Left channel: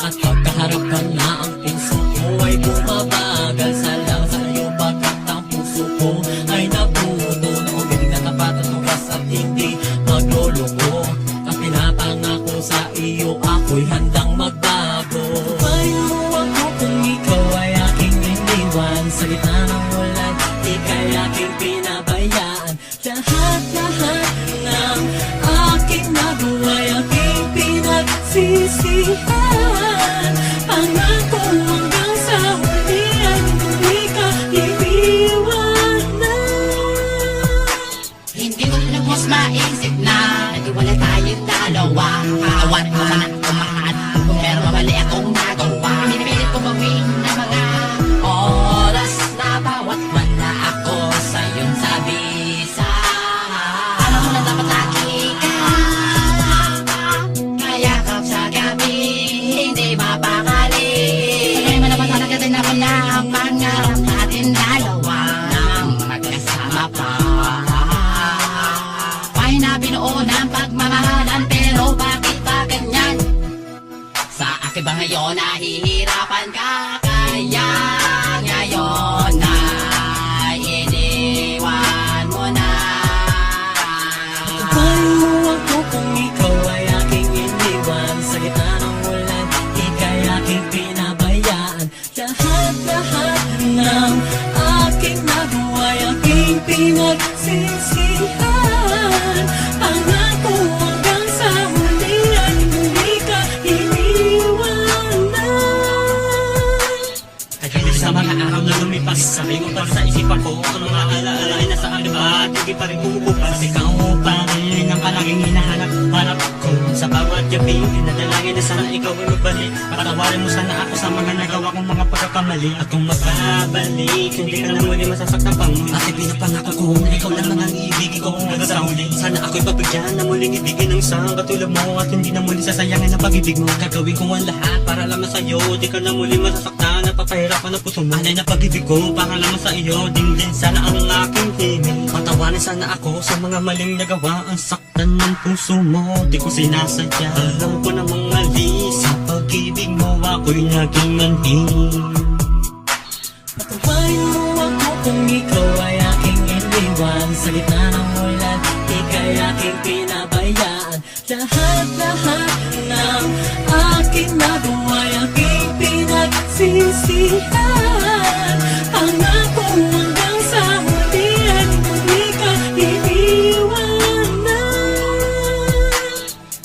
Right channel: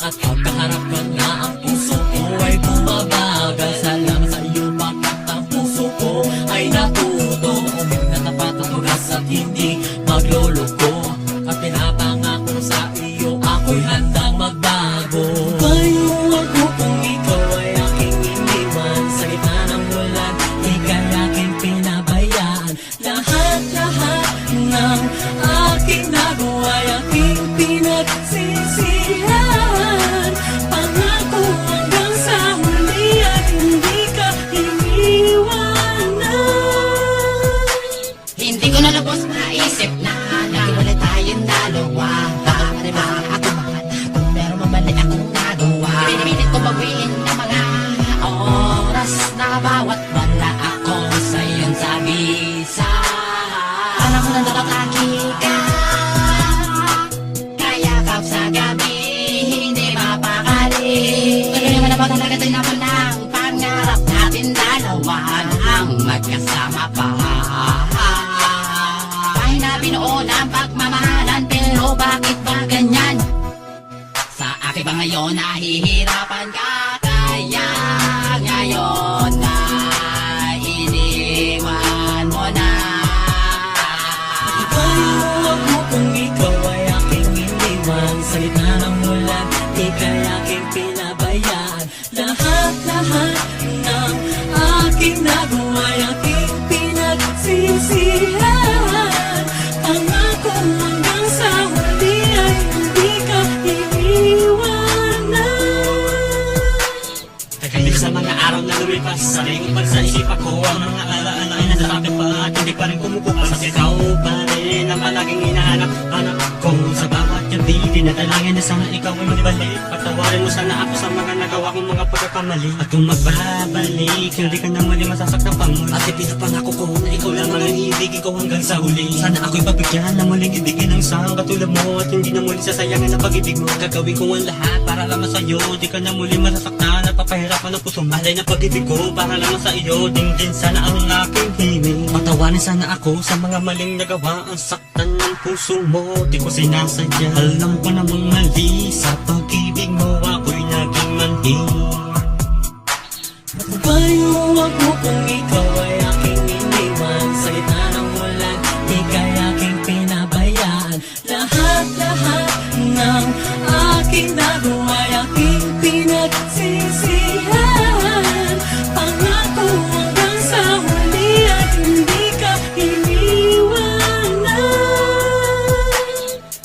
At pagkaharap ka na, ang puso ko ay bumabagal. Salamat sa iyo pagkat ang puso ko ay natuto. Umibig na tapat at oras at hindi magloloko. At pinapangako sa iyo ako'y handang magbago. Bayo ako kung ikaw ay aking iniwan. Sa gitna ng ulan, ika'y aking pinabayaan. Lahat-lahat ng aking nagawa ay aking pinagsisihan. Pangako hanggang sa huli at hindi ka iiwanan. Hindi ko na lubos maisip na naghiwalay tayong dalawa. Patawanin mo sana ako mahal, pero mali akong nagawa. Pinipilit ko bawiin ang mga oras na bawat wala ako sa'yo'n sabisa. Alam ko na dapat lagi ka kayakap sa gabi, hindi mapakali. Tagay mo na ba talaga din ako na ang pangarap natin dalawa nang magkasama pa. Pahina binuon ang pagmamahalan, pero bakit ba ganyan? Sa akin ba ngayon nahihirapan ka? Kaya ngayon na iniwan mo na. Bayo ako kung ikaw ay aking iniwan. Sa gitna ng ulan, ika'y aking pinabayaan. Lahat-lahat ng aking nagawa ay aking pinagsisihan. Pangako hanggang sa huli ay hindi ka iiwanan. Tahimik sa mga araw na lumipas, sa lingupan sa isip ako, ang mga alaala ay nasa akin pa at hindi pa rin kumukupas. Ikaw pa rin ang palaging hinahanap-hanap ko. Sa bawat gabi, dinadalangin na sana ikaw ay magbalik. Patawarin mo sana ako sa mga nagawa kong mga pagkakamali. At kung magbabalik, hindi ka na muli masasaktan pang muli. At ipinapangako ko na ikaw lang ang iibigin ko hanggang sa huli. Sana ako'y pagbigyan na muling ibigin ng isang katulad mo, at hindi na muli sasayangin ang pag-ibig mo. Gagawin ko ang lahat para lamang sa'yo, di ka na muli masasaktan at papahirapan ang puso mo. Alay na pag-ibig ko para lamang sa iyo, din sana ang aking himig. Patawarin sana ako sa mga maling nagawa, ang saktan ng puso mo, di ko sinasadya. Alam ko namang mali, sa pag-ibig mo ako'y naging manhid. Bayo ako kung ikaw ay aking iniwan. Sa gitna ng ulan, ika'y aking pinabayaan. Lahat-lahat ng aking nagawa ay aking pinagsisihan. Pangako hanggang sa huli ay hindi ka iiwanan.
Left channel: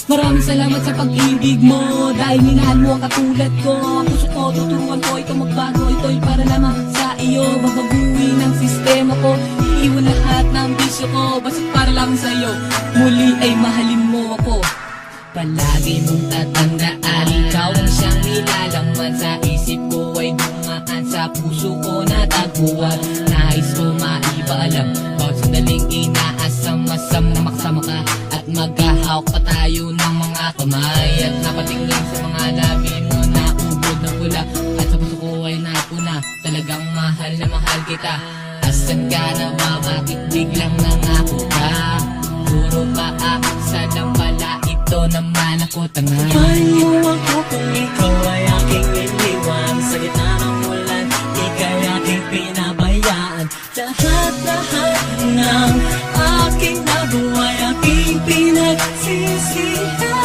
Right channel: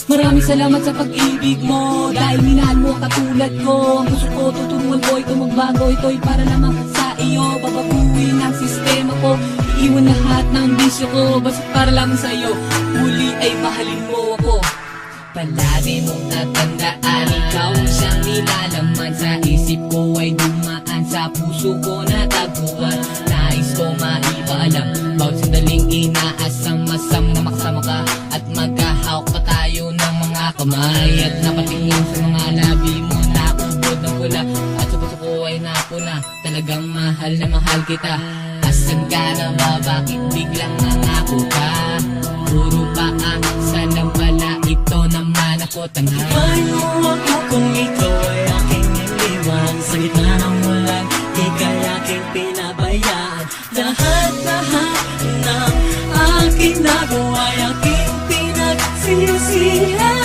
Maraming salamat sa pag-ibig mo, dahil minahal mo katulad ko. Ang puso ko, tuturuan ko ito magbago. Ito'y para lamang sa iyo, babaguhin ang sistema ko. Iiwan lahat ng bisyo ko, basta't para lamang sa iyo, muli ay mahalin mo ako. Palagi mong tatandaan, ikaw ang siyang nilalaman. Sa isip ko ay dumaan, sa puso ko natagpuan. Nais ko maipaalam, bawat sandaling inaasam-asam na makasama ka. At maghahawak pa tayo ng mga kamay, at napatingin sa mga labi mo na ubod na pula. At sa puso ko ay napuna, talagang mahal na mahal kita. Asan ka na ba? Bakit biglang nangako ka? Puro paaksa lang pala, ito naman ako tanga. Bayo ako kung ikaw ay aking iniwan. Sa gitna ng ulan, ika'y aking pinabayaan. Lahat-lahat ng aking nagawa ay aking pinagsisihan.